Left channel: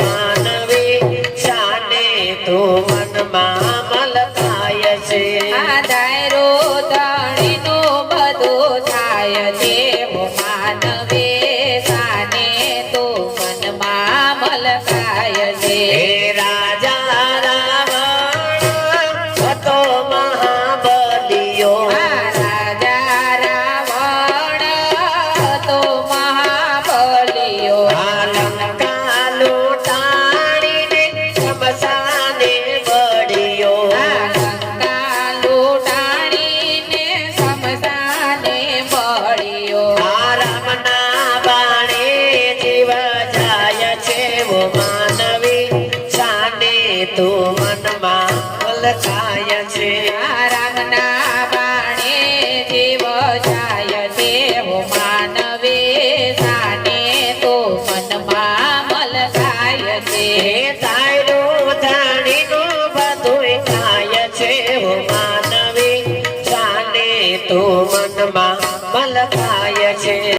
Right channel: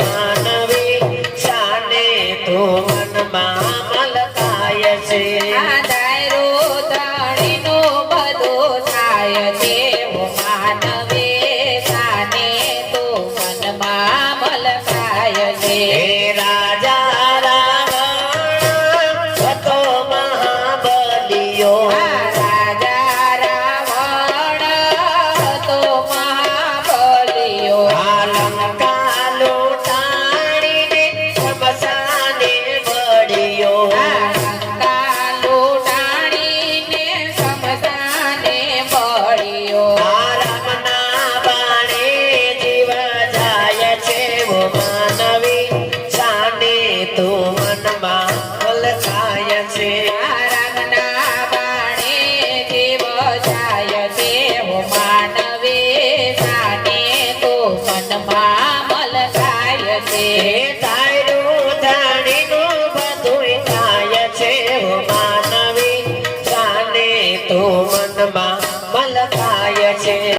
માનવી શાને તું મનમાં મલકાય છે દાયરો ધણીનો બધો થાય છે માનવી શાને તું મનમાં મલકાય છે રાજા રાવણ હતો મહાબલિયો રાજા રાવણ હતો મહાબલિયો લંકા લૂંટાડીને શમશાને બળ્યો લંકા લૂંટાડીને શમશાને બળ્યો રામના બાણે જીવ જાય છે વો માનવી શાને તું મનમાં મલકાય છે રામના બાણે જીવ જાય છે માનવે શાને તો મનમાં મલકાય છે તારું ધણીનું બધું ખાય છે વો માનવી શાને તું મનમાં મલકાય છે